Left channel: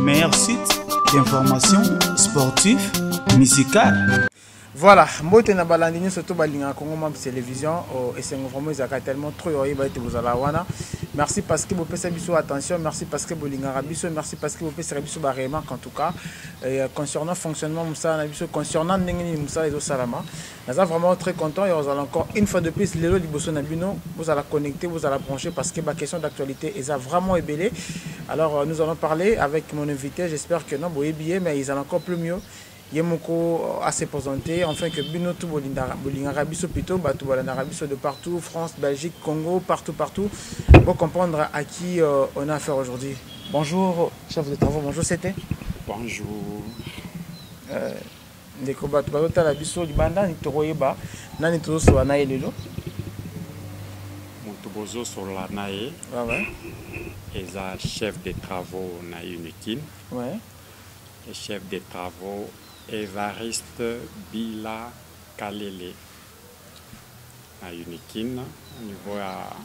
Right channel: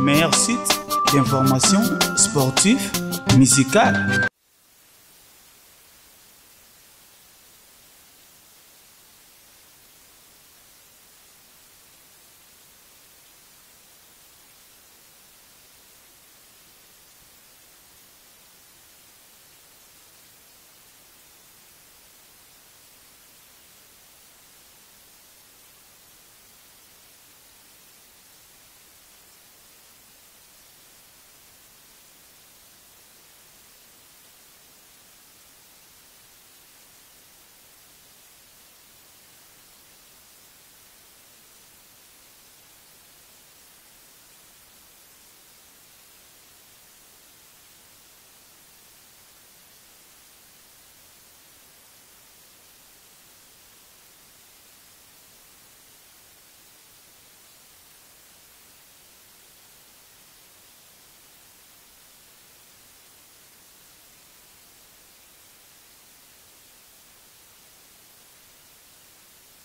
Meilleur site d'information sportive, musicale. Voilà, mbote na balandini surtout balinga Congo Mam télévision et c'est vraiment tellement trop vous allez wana. Merci parce que vous faites biso attention, merci parce que vous linga biso, merci parce que vous faites biso ba remarque en tout cas concernant fonctionnement musa na biso concernant ndengeni musa et salama. Nous sommes vraiment très contents et vous allez encore une fois de plus lelo liboso na bino, vous allez connecter, vous allez brancher parce que ma question d'actualité est vraiment ébélé. Alors nous allons parler avec mon invité, j'espère que non vous bien mais ils allent encore plus mieux. Yemoko à se présenter, enfin que Binotou Bolinga Biso plutôt, Batou Bolinga Biso de partout, France, Belgique, Congo, partout, pour comprendre à qui on a affaire aujourd'hui. Bonjour, chef de travaux, bonjour, c'était. Bonjour. Ndeko Batou Balota la Biso, Libanda, Nitoroyeba, Nani Tozo sur Anae Lelo. Montobozo sur l'Anae. Ouais. Et ça, chef de travaux na Unikin. Ouais. Et chef de travaux. Évariste Bila Kalele à Unikin, au niveau à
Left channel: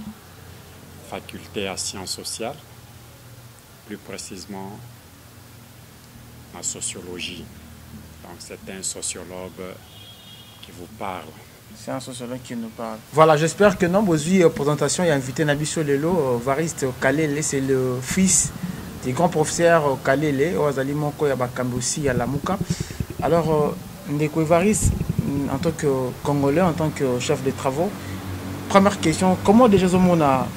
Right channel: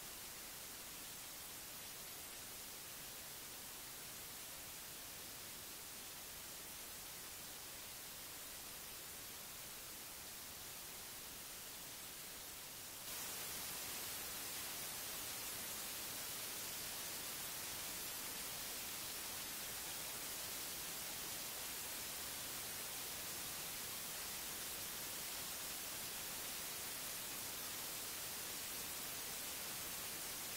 faculté à sciences sociales, plus précisément en sociologie. Donc c'est un sociologue qui vous parle. C'est un sociologue qui nous parle. Voilà, j'espère que non, vos présentation et invité Nabiso Lelo, Variste Kalele, c'est le fils du grand professeur Kalele, Ozali Moko Yabakambi aussi à Lamuka. Alors, Ndeko Evariste, en tant que Congolais, en tant que chef de travaux, première question, comment déjà on a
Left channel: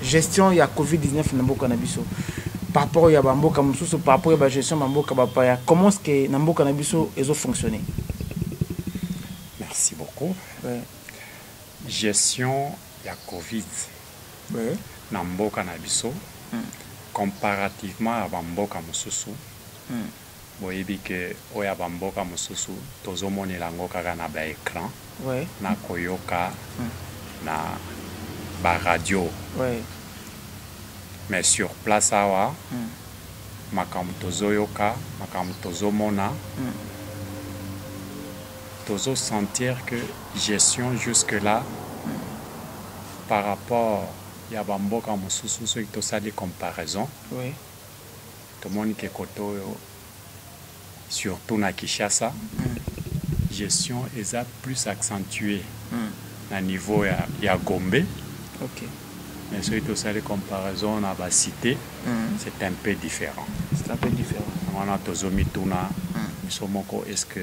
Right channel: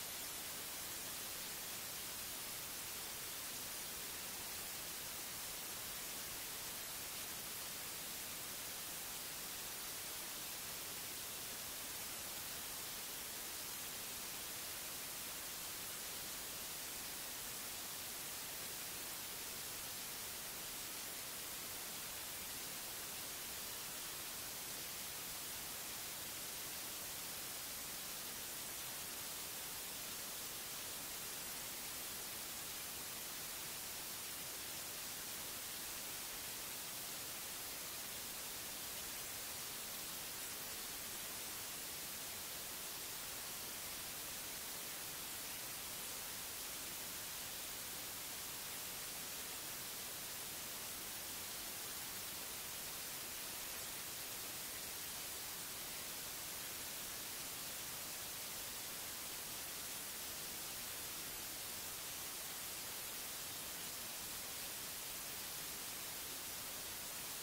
gestion de la COVID-19 dans Mboka Nabiso par rapport à Mboka Moussou, par rapport à la gestion de Mboka Bapaya, comment est-ce que Mboka Nabiso a fonctionné? Merci beaucoup. Ouais. Gestion de la COVID dans Mboka Nabiso, comparativement à Mboka Moussou, boyebi ke oya bamboka mosusu tozomonela yango kaka na ba écran na koyoka na ba radio mais sur place awa makambo tozoyoka makambo tozomona tozo sentir que gestion jusque là par rapport ya bamboka mosusu soki tosali comparaison tomoni ke koto surtout na Kinshasa, gestion est plus accentuée à niveau ya Gombe. Mais si tu as les comparaisons à la cité, c'est un peu différent. C'est un peu différent. On a tozomi tuna, est-ce que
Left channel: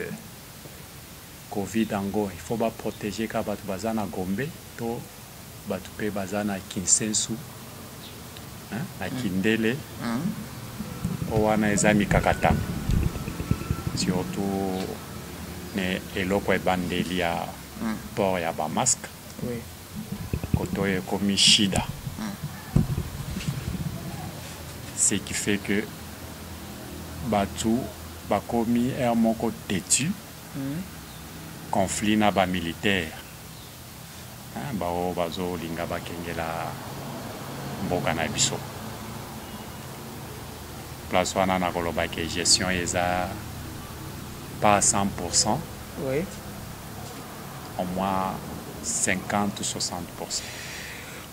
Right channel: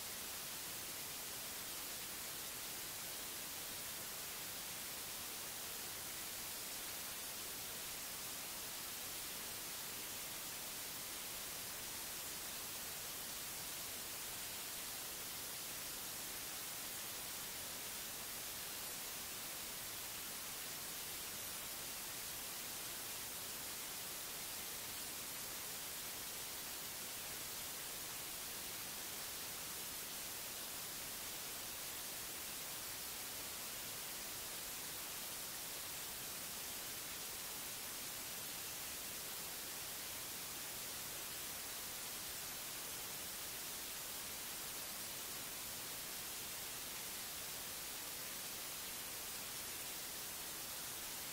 Covid ango, il faut pas protéger ka batu bazana Gombe, to batu pe bazana Kinsensu, na Kindele, owana ezami kakata. Surtout les eloko ebandeli ya port ya ba masque koto e komi shida ce qui fait que batu bakomi er moko têtu conflit na ba militaire bao bazo linga bakengela mboka na biso place wana na koloba ke gestion eza pas à 100%, au moins 50 ou 60%.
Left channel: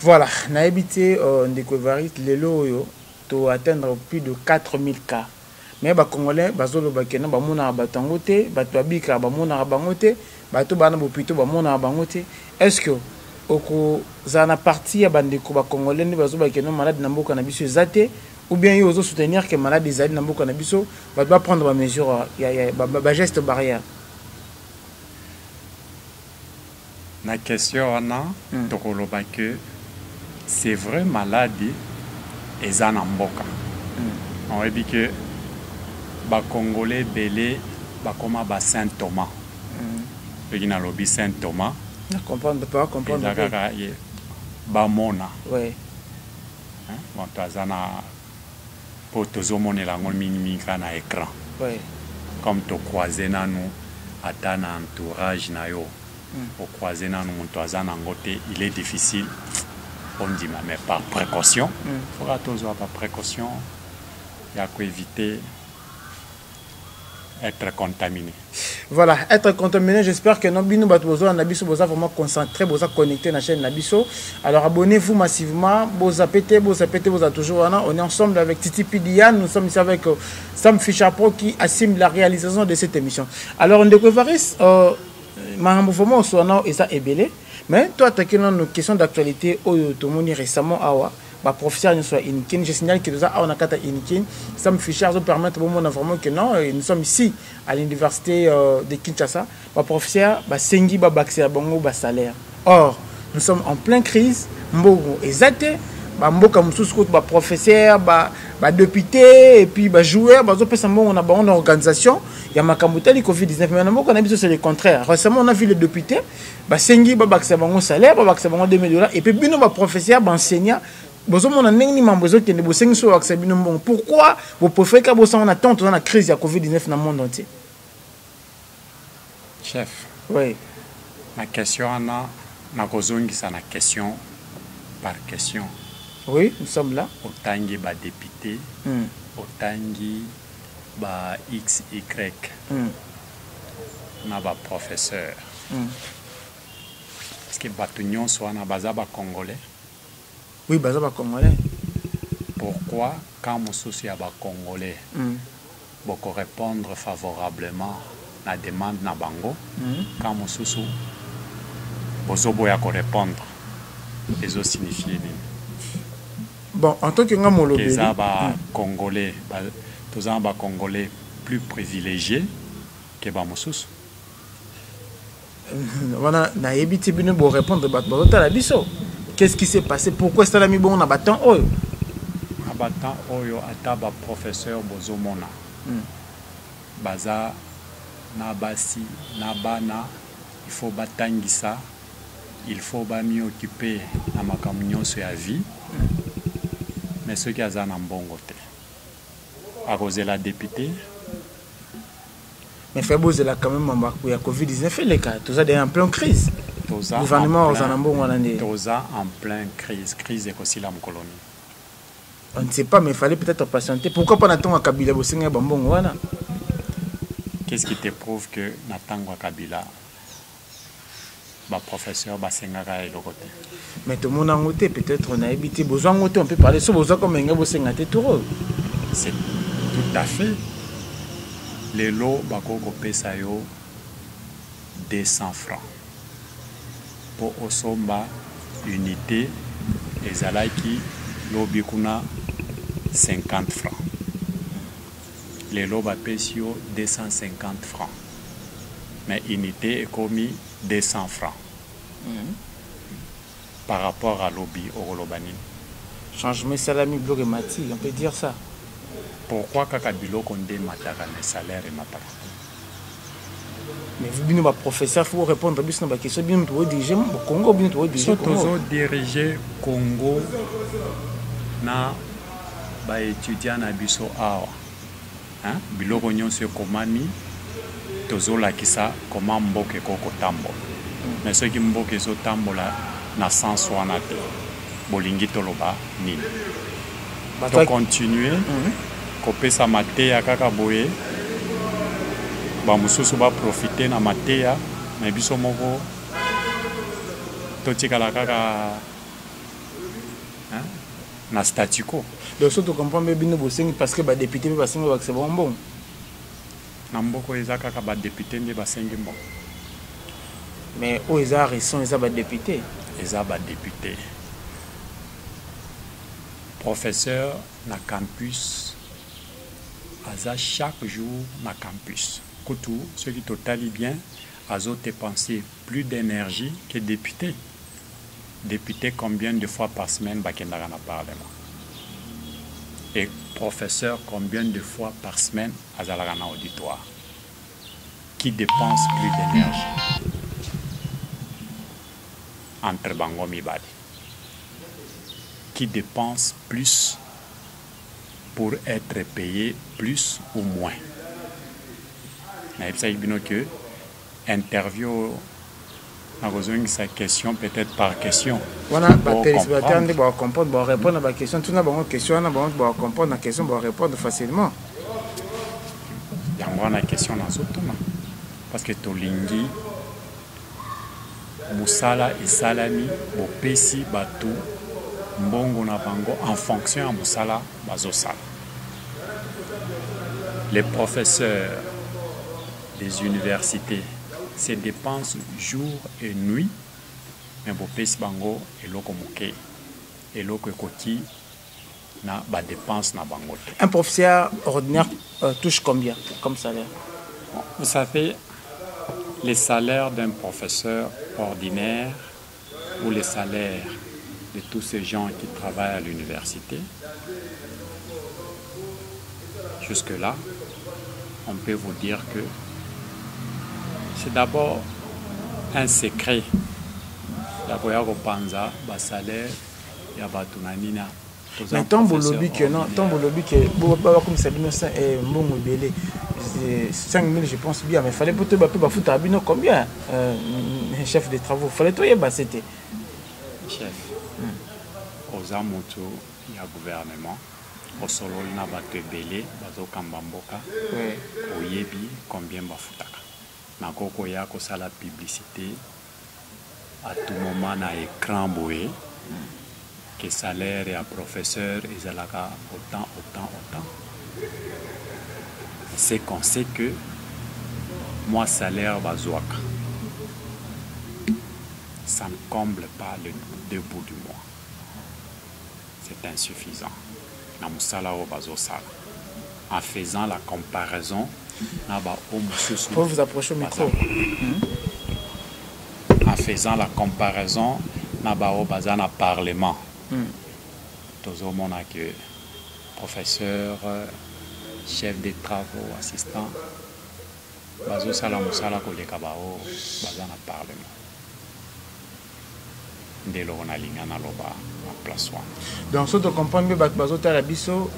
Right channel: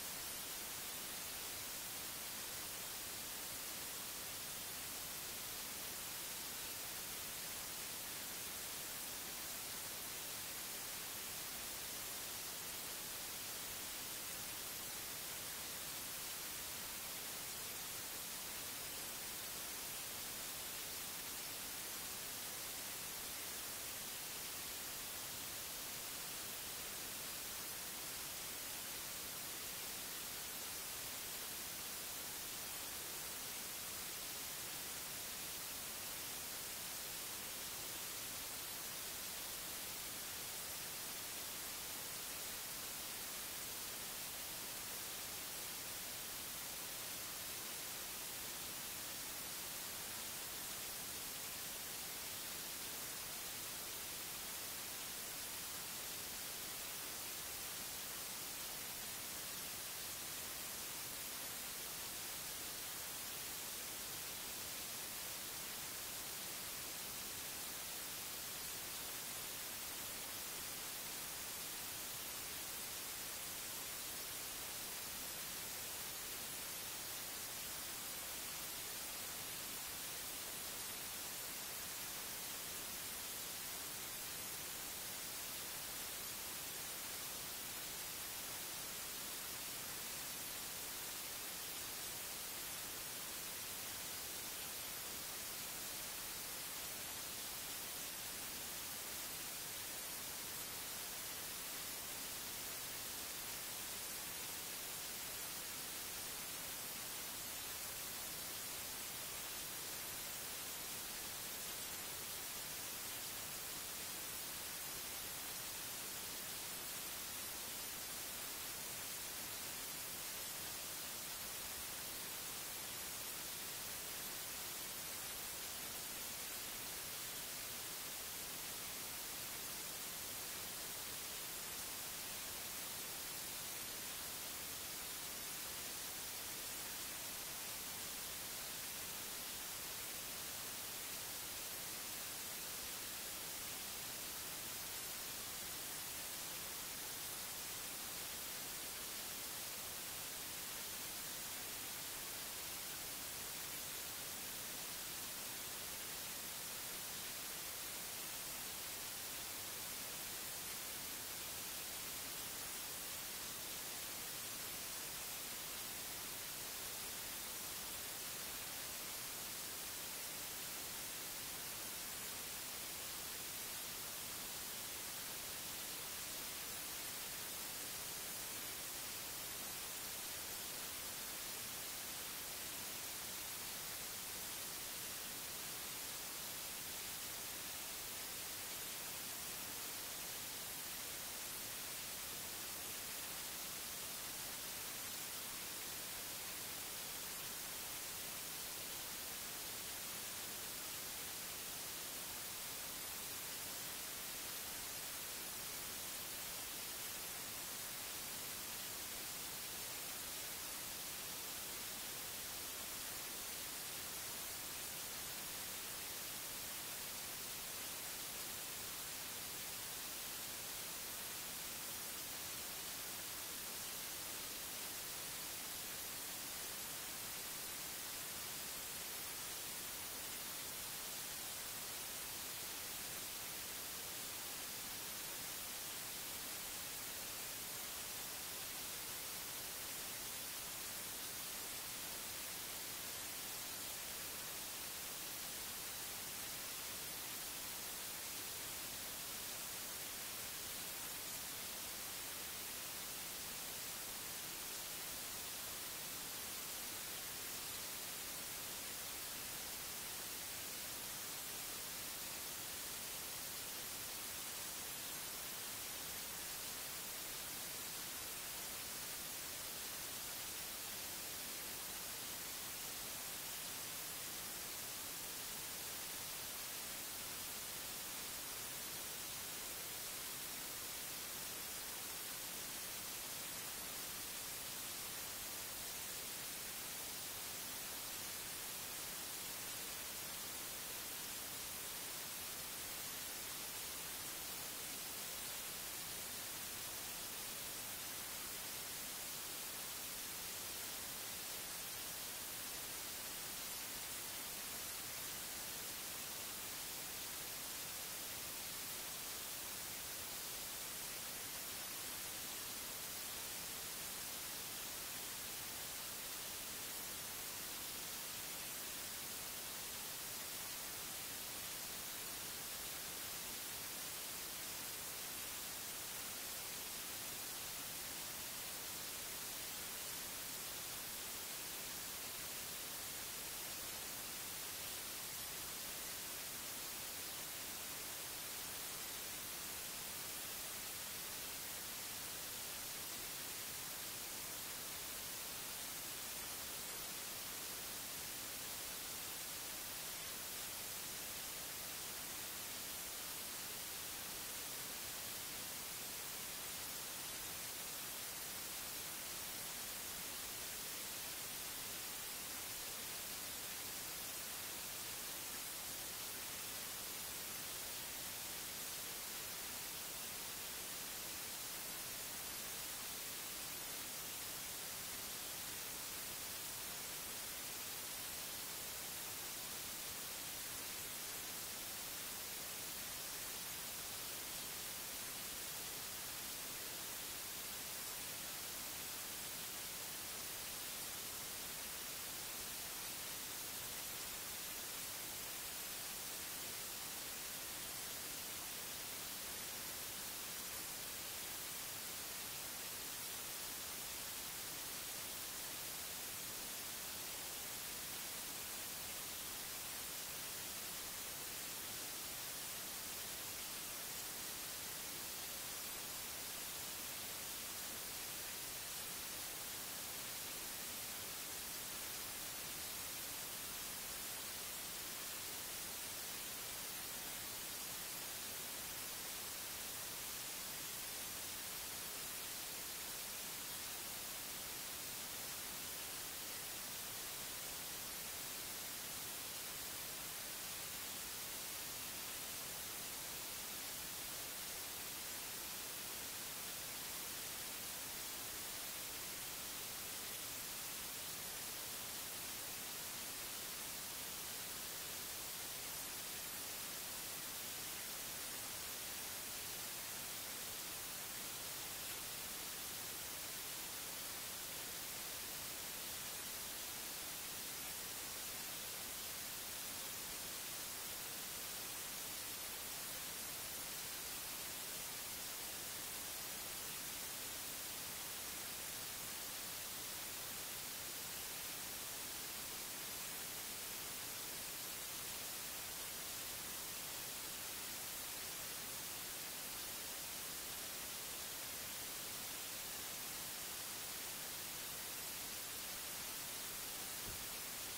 Voilà, on a habité Ndeko Evariste, Lelo, to atteindre plus de 4000 cas. Mais les Congolais, bazolo bakena bamona batangote, batwabika bamona bangote, bato bana bopito bamona bangote. Est-ce que oko zana partie ya bandeko ba Congolais ni bazo bakena malade na mboka na biso zate? Ou bien ils osent soutenir que les malades des alliés n'ont pas doit prendre des mesures, des gestes barrières. La question que c'est vrai maladie et en mboka. On dit que les Congolais belé comme des Saint Thomas. Il y a lobby Saint Thomas. Comprendre pas comprendre. Bamona. Oui. Bon, pour tozomone la mimika na écran. Comme to croiser na nous ata na entourage na yo. Au croiser na nous montoisa na ngote, il est difficile. On dit mais par précaution, faudra toujours par précaution, il y a qu'à éviter être contaminé. Voilà, être contaminé, j'espère que nous besoin vraiment concentré, connecté à la chaîne Nabiso. Alors abonnez-vous massivement, vous toujours. On est ensemble avec Titi Pidian, nous sommes ici avec Sam Fischer Pro qui assume la réalisation de cette émission. Alors on découvre mais toi, tu as une question d'actualité récemment. Professeur, je signale que nous avons Sam Fischer permettre vraiment que non, nous sommes ici à l'université de Kinshasa. Professeur, Sengi, salaire. Or, nous sommes en pleine crise. Mbogo ezate, mboka mususu professeur, député et puis joueur, on a une organisation. Il y a Makamutali Covid-19, mais c'est le contraire. Récemment, on a vu les députés, Sengi, salaire, $2 et puis bino professeur, enseignant. Pourquoi vous préférez que vous attendez dans la crise de Covid-19 dans le monde entier? Chef, oui. Ma question, c'est une question par question. Oui, nous sommes là. Autant de députés, autant de X, Y, de professeurs. Est-ce que les sont Congolais? Oui, baza ba Congolais. Pourquoi, quand mon souci à Congolais, beaucoup répondre favorablement à la demande na bango, quand mon souci, vous boya répondre, les autres signifient. Bon, en tant que ngamolo, les Congolais, tous les Congolais plus privilégiés que Bamoussous. Voilà, na yebiti bino bo répondre à la biso. Qu'est-ce qui s'est passé? Pourquoi c'est l'ami bon abattant oyo? Abattant oyo ataba professeur bozomona. Baza na basi na bana, il faut batangisa, il faut ba mieux occuper na makambo nyonso ya vie. Mais ceux qui azana mbongo te. À cause de la députée. Mais fait beau là quand même il y a Covid-19 les cas, tout ça est en pleine crise. Le gouvernement en pleine crise et aussi la colonie. On ne sait pas, mais il fallait peut-être patienter. Pourquoi pas Nathan Kabila Bosenga Bambon wana? Qu'est-ce qui te prouve que Nathan Kabila professeur Basenga est le côté? Mais tout le monde a noté, peut-être on a évité besoin de on peut parler sur besoin comme un Bosenga Tetoro. C'est tout à fait. Les lots Bakoko Pesayo 200 francs. Pour Osomba, unité, les Alaki, l'Obikuna, 50 francs. Les Loba Pesio, 250 francs. Mais unité est commis 200 francs. Par rapport à l'Obi au Lobani. Changement salami bloc et mati, on peut dire ça. Pourquoi Kakabilo Kondé Matara les salaires et Matara? Mais vous, bien, professeur, il faut répondre à la question. Bien, vous diriger le Congo, bien, vous diriger le Congo. Diriger Congo, na ba étudiant na biso awa. Hein? Biloko nyonso komami tozola kisa comment mboke koko tambo. Mais ceux qui mboke zo tambola na sens wana te. Bolingi toloba nini. To continuer kopesa mateya kaka boye. Bamususu ba profiter na mateya na biso moko totikala kaka na statu quo. Donc surtout comprendre bien bosengi parce que ba député ba sengi ba c'est bon. Na mboko eza kaka ba député nde ba sengi bon. Mais au eza raison eza ba député. Eza ba député. Professeur na campus aza chaque jour na campus. Koutou, ceux qui totalent bien, azo dépenser plus d'énergie que député. Député combien de fois par semaine bakendara na parlement? Et professeur combien de fois par semaine azalaka na auditoire? Qui dépense plus d'énergie? Entre bango mibali. Qui dépense plus pour être payé plus ou moins? Mais que interview sa question peut-être par question. Voilà, téléspectateur comprendre, répondre à la question. Tout le monde question, comprendre la question, répondre facilement. yango wana question nazotuna parce que tolingi mosala esalami bopesi bato mbongo na bango en fonction ya mosala bazosala. Les professeurs des universités se dépensent jour et nuit, mais bopesi bango eloko moke eloko ekoti na ba dépense na bango. Un professeur ordinaire touche combien comme salaire? Vous savez, les salaires d'un professeur ordinaire ou les salaires de tous ces gens qui travaillent à l'université, jusque-là, on peut vous dire que c'est d'abord un secret. D'abord, Panza, salaire, Yabatunanina. Mais tant que lobby que non, tant que lobby que comme ça, 5 000 je pense bien, mais il fallait peut-être foutre à Bino combien chef de travaux. Il fallait tout y c'était. Chef, aux amoutous, il y a gouvernement. Au solo, il y a des belés, bazo kambamboka, au yebi, combien bafutaka. Nakoko ya kosa la publicité, à tout moment na écran boé, que salaire et à professeur, ils ont autant. C'est qu'on sait que moi, salaire bazouaka, ça ne comble pas le debout du mois. C'est insuffisant. En faisant la comparaison, faut vous approcher au micro. En faisant la comparaison, au Parlement. Tout le monde a que professeur, chef de travaux, assistant, bazo sala musala koleka bao bazana Parlement. Ndelo na linga na loba na place wana. Donc ça te comprend bien bazo tala biso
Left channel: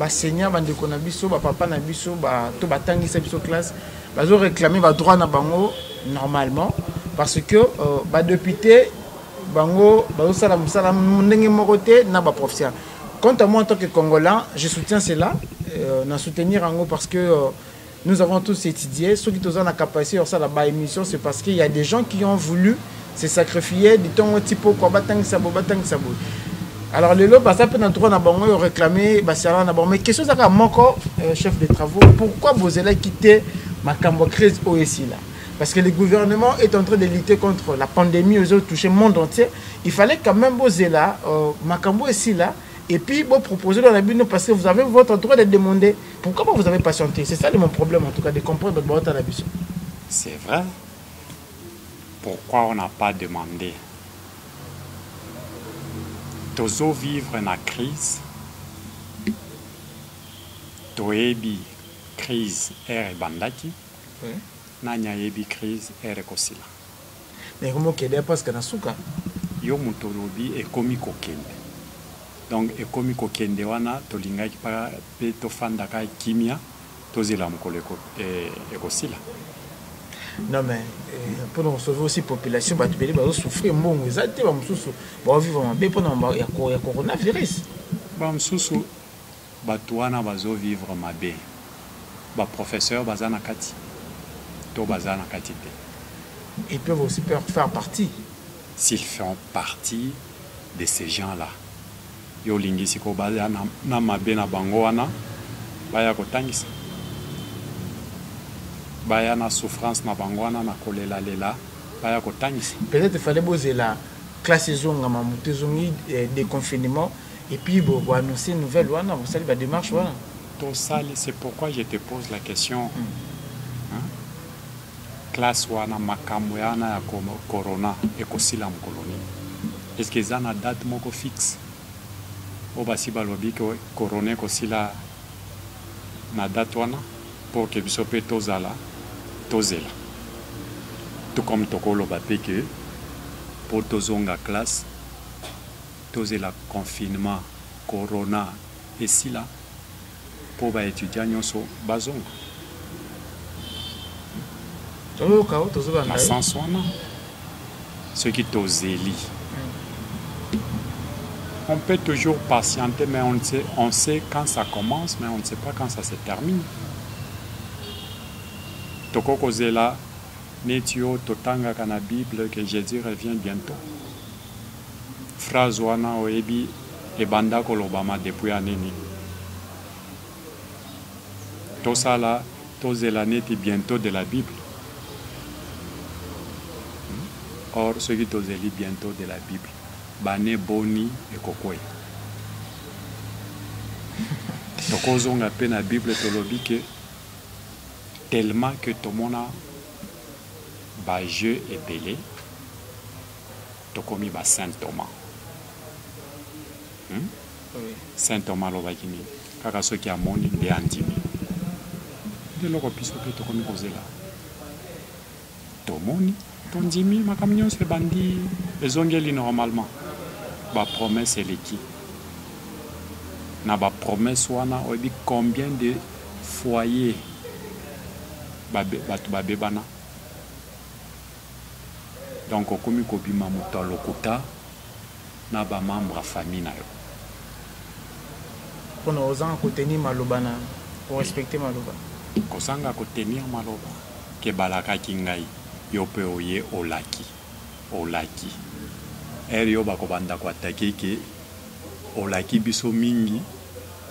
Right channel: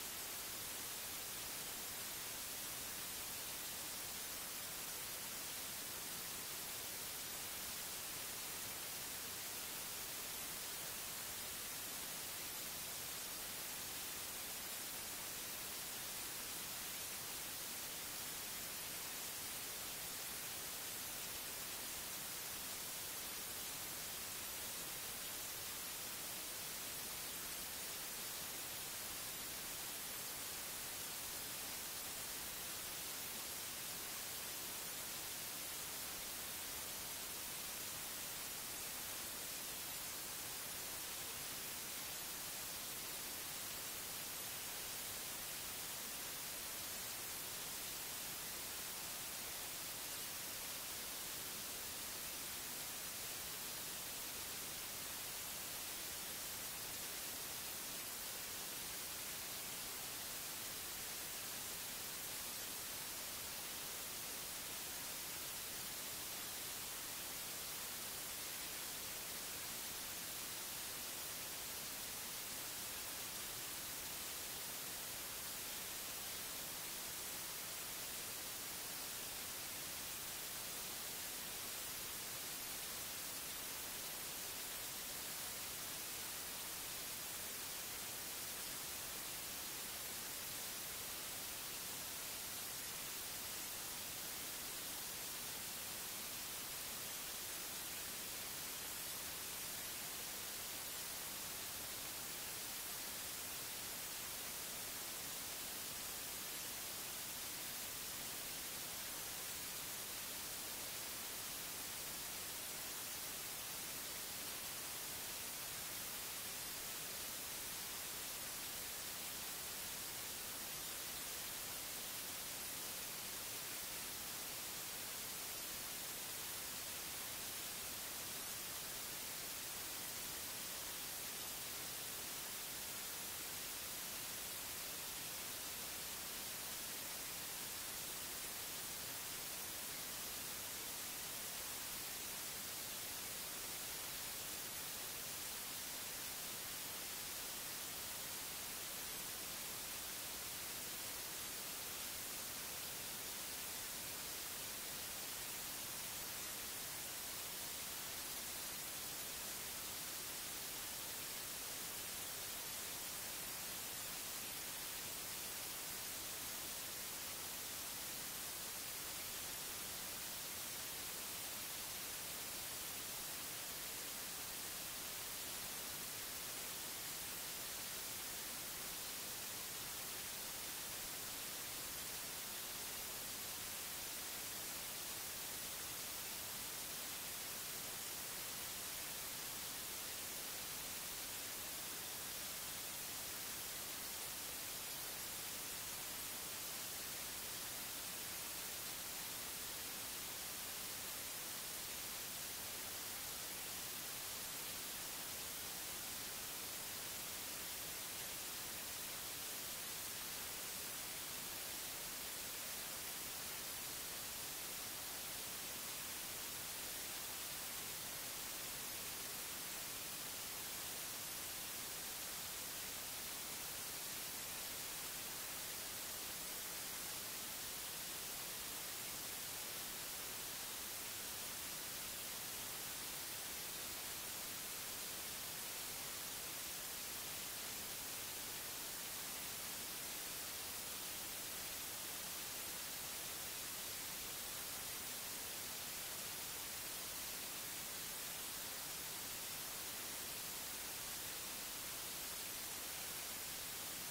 ba seigneur bande ko na biso ba papa na biso ba to batangisa biso classe bazo réclamer ba droit na bango normalement parce que ba député bango bazo sala musala ndenge moko te na ba professeur. Quant à moi en tant que Congolais, je soutiens cela, na soutenir en gros parce que nous avons tous étudié. Ceux qui ont la capacité de faire la émission, c'est parce qu'il y a des gens qui ont voulu se sacrifier du temps type quoi batang sabo. Alors les lots, ça peut être droit na bango réclamer basala na bango. Mais question ça moko chef de travaux, pourquoi vous allez quitter Makambo crise OSI là? Parce que le gouvernement est en train de lutter contre la pandémie aux autres touché le monde entier. Il fallait quand même poser là Makambo ici là. Et puis, vous proposez dans la Bible parce que vous avez votre droit de demander. Pourquoi vous avez patienté? C'est ça mon problème, en tout cas, de comprendre votre droit à la mission. C'est vrai. Pourquoi on n'a pas demandé? Tozo vivre na crise. Toebi crise ere bandaki. Nanya yebi crise ere kosila. Mais comment qu'il y a parce que na souka? Yo mutolobi e komi kokende. Donc, et comme kokende wana tolinga ki pa pe to fanda ka kimia tozela mukolo ekosila. Non mais pour nous sauver aussi population ba tubeli ba souffrir mbongo ezate ba mususu ba vivre en bé pour na ya coronavirus. Ba mususu bato wana bazo vivre mabe. Ba professeur bazana kati. To bazana kati te. Ils peuvent aussi faire partie. S'ils font partie de ces gens-là. Yo lingisi ko baza na mabe na bango wana baya kotangisa baya na souffrance na bango wana na kolela lela baya kotangisa. Peut-être fallait poser la classe zonga mamuté zongi des confinements et puis bon annoncer une nouvelle wana vous savez la démarche wana tout ça c'est pourquoi je te pose la question. Classe wana makambo yana ya corona ekosila mkoloni est-ce que ça na date moko fixe? Obasi balobi ko corona kosila na date wana pour que biso pe tozala tozela tout comme tokolo bape que pour tozonga classe tozela confinement corona et si là pour ba étudiants nyonso bazonga na sens wana ceux qui tozeli. On peut toujours patienter, mais on sait quand ça commence, mais on ne sait pas quand ça se termine. Tokoko zela netio totanga kana Bible que Jésus revient bientôt. Phrase wana oebi ebanda kolobama depuis aneni. Tosala tozela neti bientôt de la Bible. Or ceux qui tozeli bientôt de la Bible, bane boni et kokoi. Tokozonga pe na Bible tolobi que tellement que tomona ba jeu epelé tokomi ba Saint Thomas. Saint Thomas lobaki nini kaka soki amoni nde andimi leloko biso mpe tokomi kozela tomoni tondimi makambo nyonso ebandi ezongeli normalement bapromese eleki na bapromese wana oyebi combien de foyer bato babebana. Donc okomi kobima moto alokuta na bamembre ya famille na yo mpona ozanga kotenir maloba na korespecte maloba kozanga kotenir maloba ke balakaki ngai yo mpe oye olaki ere yo bakobanda koatake ke olaki biso mingi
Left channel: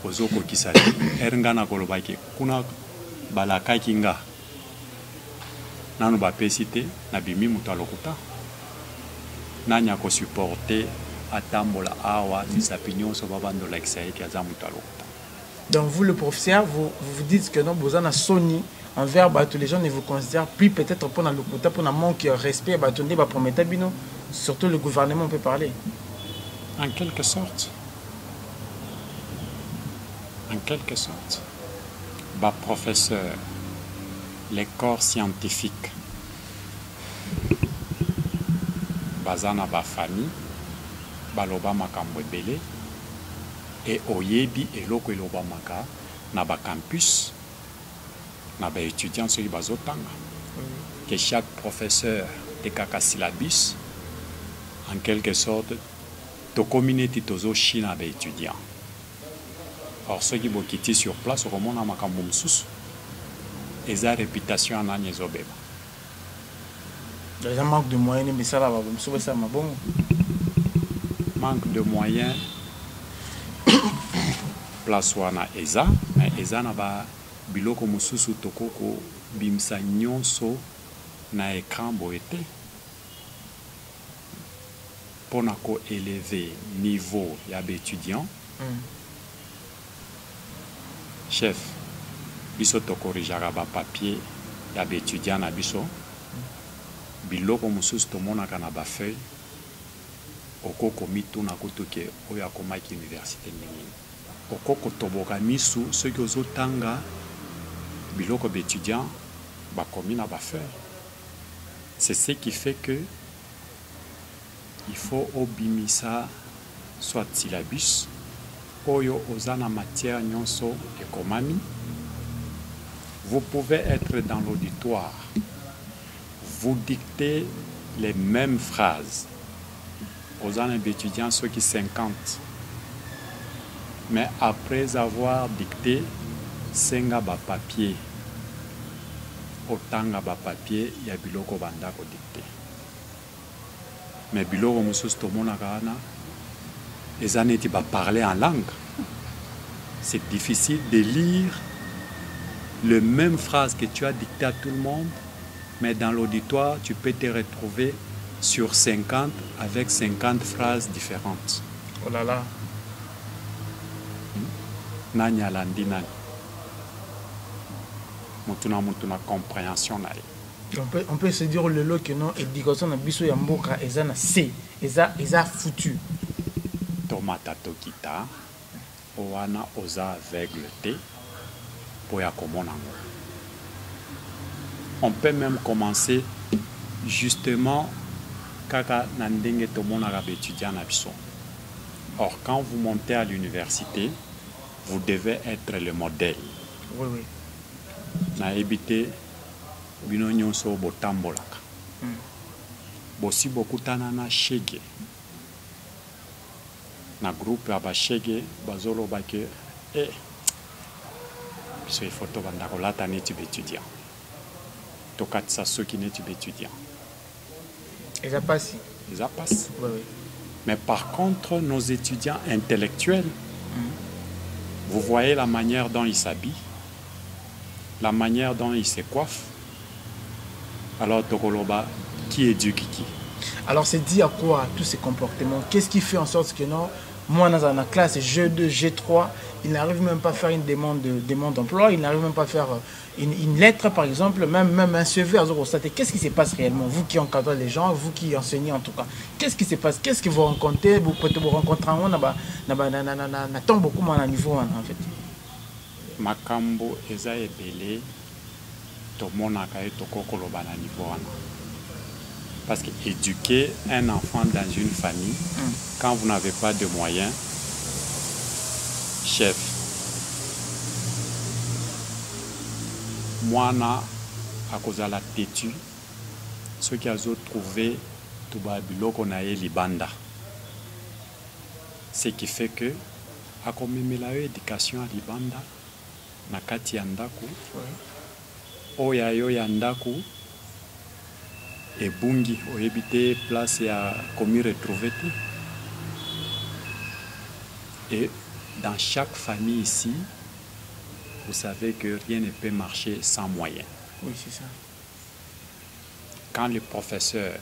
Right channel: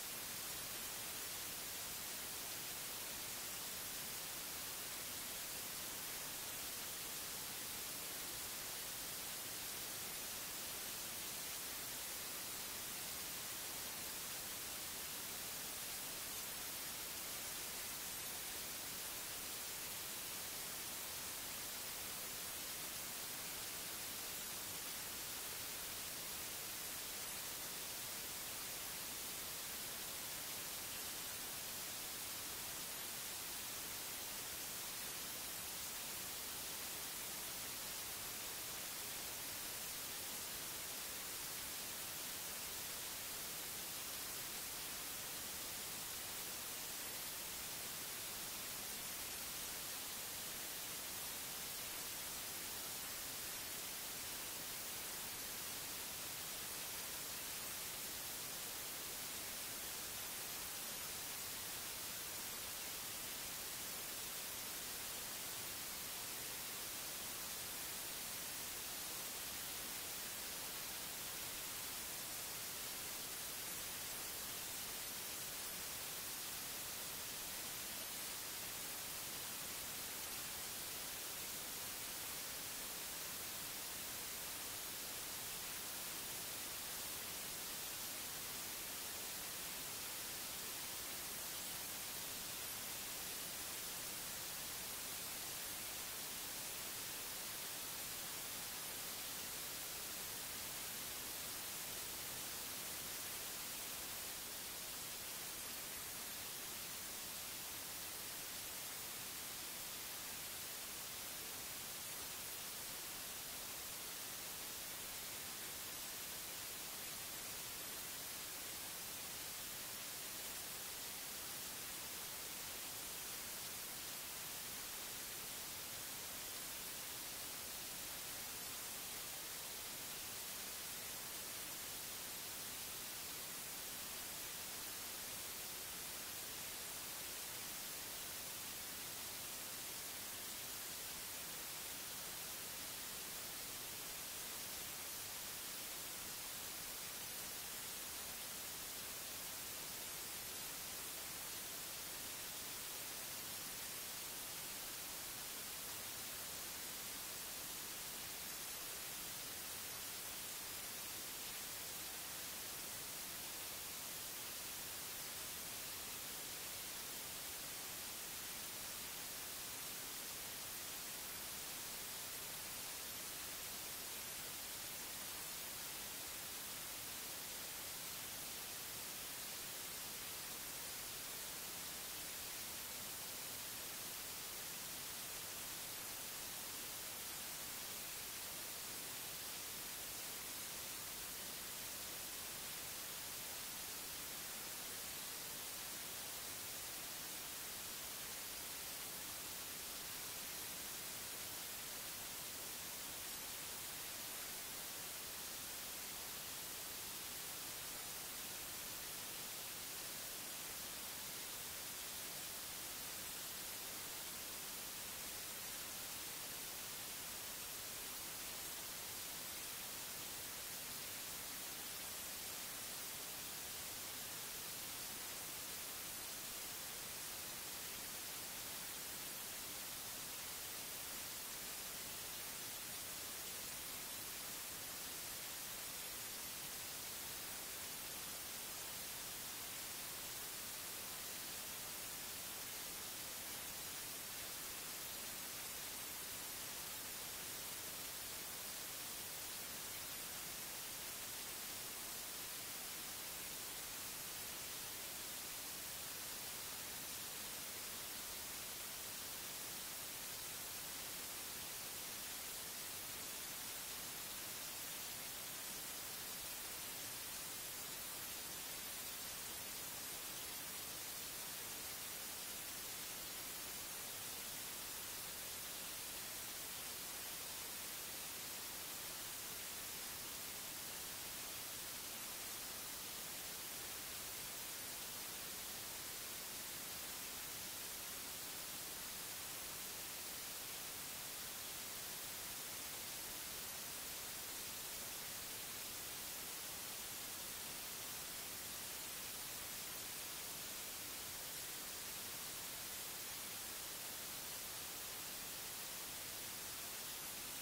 ozokokisa te ere nga na kolobaki kuna balakaki nga nanu bapesi te nabimi moto alokuta nanya kosuporte atambola awa misapi nyonso babandolakisa eke aza moto alokuta. Donc vous le professeur, vous dites que non, vous en Sony envers tous les gens ne vous considèrent plus peut-être pour la locuta, pour un manque de respect, surtout le gouvernement peut parler. En quelque sorte. En quelque sorte. Bah professeur, les corps scientifiques, bazana ba famille, baloba makambo ebele, et oyebi eloko eloba maka na ba campus, na ba étudiants sur bazotanga, que chaque professeur de kaka syllabus, en quelque sorte, to communauté tozo china ba étudiants. Or ceux qui bokiti sur place, au moment na makambo msusu, eza réputation anani ezobeba. Les gens manquent de moyens, mais ça va, ça m'a bon. Manque de moyens, place wana eza, mais eza na ba biloko mususu tokoko bimsa nyonso na écran boete. Pona ko élever niveau ya étudiant. Chef, biso tokorijaka ba papier ya étudiant na biso. Biloko mususu tomonaka na ba feuille. Okoko mitu na kutuke oya komaki université nini. Okoko toboka misu ceux qui ozotanga biloko d'étudiants bakomi na ba feuille. C'est ce qui fait que il faut obimisa soit syllabus oyo ozana matière nyonso ekomami. Vous pouvez être dans l'auditoire, vous dictez les mêmes phrases aux étudiants, ceux qui 50. Mais après avoir dicté, senga ba papier, otanga ba papier, ya biloko banda ko dicté. Mais biloko mususu tomona kana, ezaneti ba parler en langue. C'est difficile de lire les mêmes phrases que tu as dictées à tout le monde, mais dans l'auditoire, tu peux te retrouver sur 50 avec 50 phrases différentes. Oh là là. Nani alandi nani. Mutuna compréhension na ye. On peut se dire le lot que non, éducation na biso ya mboka eza na C, eza foutu. Tomata tokita, oana oza aveugle te, poya komona ngo. On peut même commencer justement kaka na ndenge tomonaka étudiant na biso. Or quand vous montez à l'université, vous devez être le modèle. Oui, oui. Na ebité bino nyonso botambolaka. Bosi bokutana na shege. Na groupe ya ba shege bazoloba ke biso ifoto banda kolata neti étudiant. tokatisa soki neti étudiant. Et ça passe. Et ça passe. Oui, oui. Mais par contre, nos étudiants intellectuels, vous voyez la manière dont ils s'habillent, la manière dont ils se coiffent. Alors, Tokoloba, qui éduque qui? Alors, c'est dit à quoi tous ces comportements? Qu'est-ce qui fait en sorte que non, moi, dans la classe G2, G3, il n'arrive même pas à faire une demande d'emploi, il n'arrive même pas à faire une lettre, par exemple, même un CV à Zorostate. Qu'est-ce qui se passe réellement? Vous qui encadrez les gens, vous qui enseignez en tout cas, qu'est-ce qui se passe? Qu'est-ce que vous rencontrez? Vous pouvez vous rencontrer en tombe beaucoup moins à niveau en fait. Makambo eza ebele tomonaka et tokokoloba na niveau wana. Parce que éduquer un enfant dans une famille, quand vous n'avez pas de moyens, chef, mwana akozala têtu, ceux qui ont trouvé tout biloko na ye libanda. Ce qui fait que akomemela yo éducation à libanda na kati ya ndako oya yo ya ndako ebungi oyebi te place ya komi retrouver te. Et dans chaque famille ici, vous savez que rien ne peut marcher sans moyens. Oui, c'est ça. Quand le professeur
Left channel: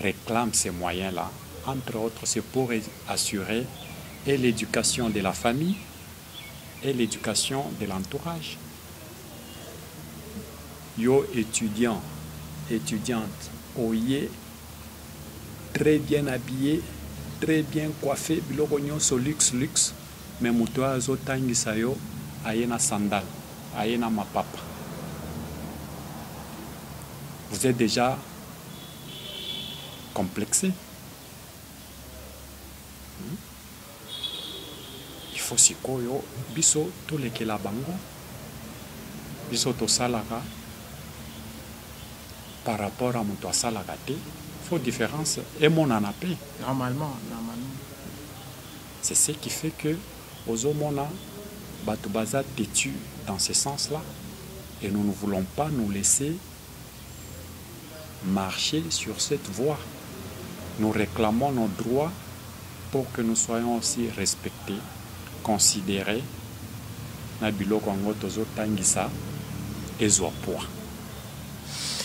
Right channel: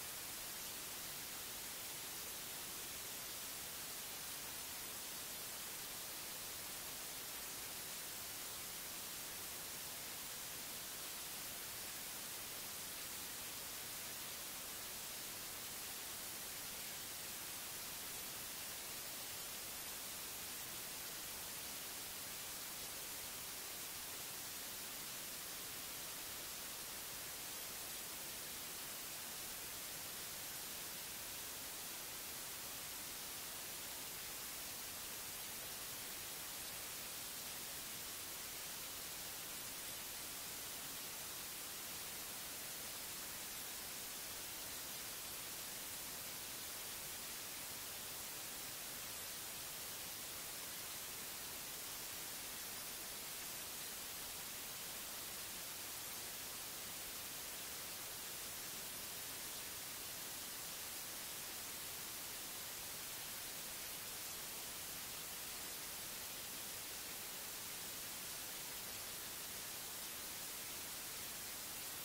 réclame ces moyens-là, entre autres, c'est pour assurer et l'éducation de la famille et l'éducation de l'entourage. Yo étudiant, étudiante, oyez, très bien habillé, très bien coiffé, biloko nyonso luxe, mais muto azotangisa yo ayena sandal, ayena mapapa. Vous êtes déjà complexé. Il faut sikoyo biso tolekela bango, biso tosalaka par rapport à muto asalaka te. Faut différence et mon anapé. Normalement. C'est ce qui fait que Ozomona Batubaza têtu dans ce sens-là. Et nous ne voulons pas nous laisser marcher sur cette voie. Nous réclamons nos droits pour que nous soyons aussi respectés, considérés. Nabilo Kongo Tozo Tangisa et Zoapoa.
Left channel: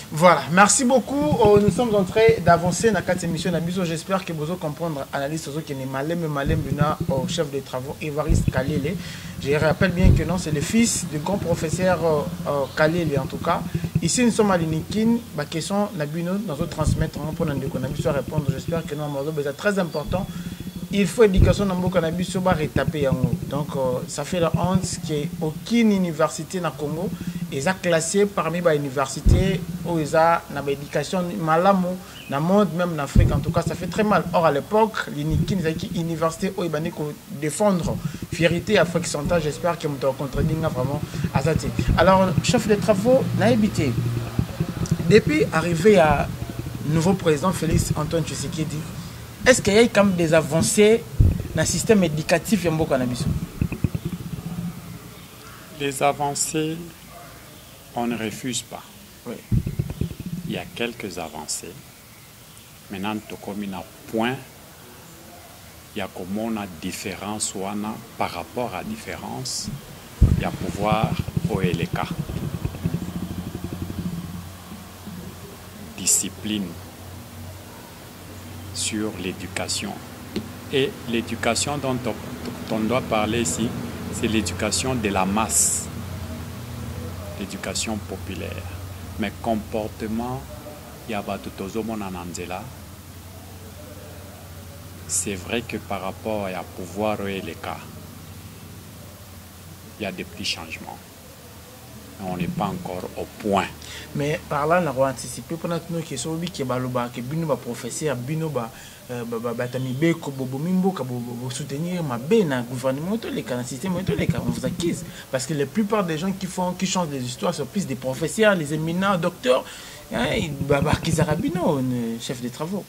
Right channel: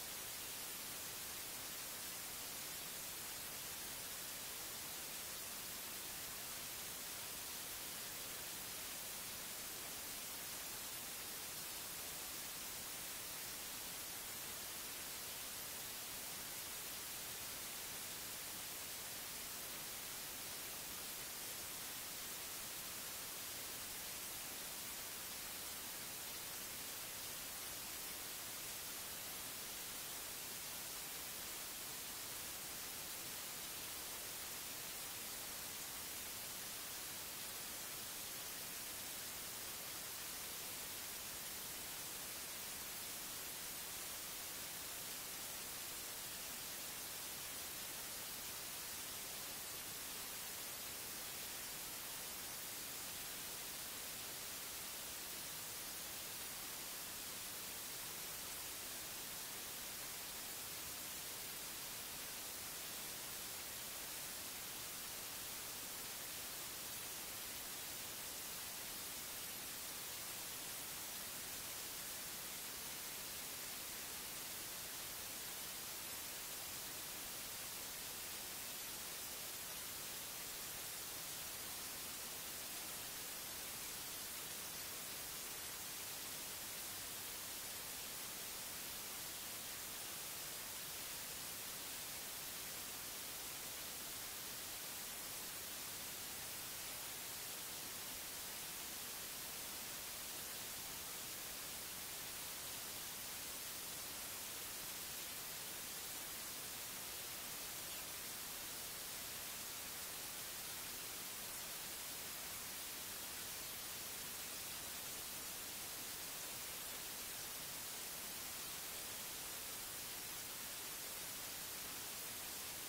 Voilà, merci beaucoup. Nous sommes en train d'avancer dans cette émission. J'espère que vous allez comprendre l'analyse qui est malem au chef de travaux Évariste Kalele. Je rappelle bien que non, c'est le fils du grand professeur Kalele en tout cas. Ici, nous sommes à l'Inikin. La question, nous allons transmettre pour nous répondre. J'espère que non, c'est très important. Il faut éducation dans le cannabis sur retaper. Donc, ça fait la honte qu'aucune université dans le Congo est classée parmi les universités où ils ont une éducation malamu dans le monde, même en Afrique. En tout cas, ça fait très mal. Or, à l'époque, l'Unikin, c'est une université où ils ont défendre fierté Afrique centrale. J'espère que vous avez rencontré vraiment à ça. Alors, chef de travaux, n'a habité. Depuis arrivé à nouveau président Félix Antoine Tshisekedi, est-ce qu'il y a quand même des avancées dans le système éducatif de cannabis? Les avancées, on ne refuse pas. Oui. Il y a quelques avancées. Maintenant, comme il y a un point, il y a comment on a différence ou par rapport à différence, il y a pouvoir au LK. Discipline sur l'éducation. Et l'éducation dont on doit parler ici, c'est l'éducation de la masse, l'éducation populaire. Mais comportement, il y a c'est vrai que par rapport à pouvoir et les cas, il y a des petits changements. On n'est pas encore au point. Mais par là, on a anticipé pendant que nous qui sommes qui que professeur, bino soutenir ma belle gouvernement les cas système on vous acquise parce que la plupart des gens qui changent les histoires sont plus des professeurs, les éminents docteurs, chef de travaux.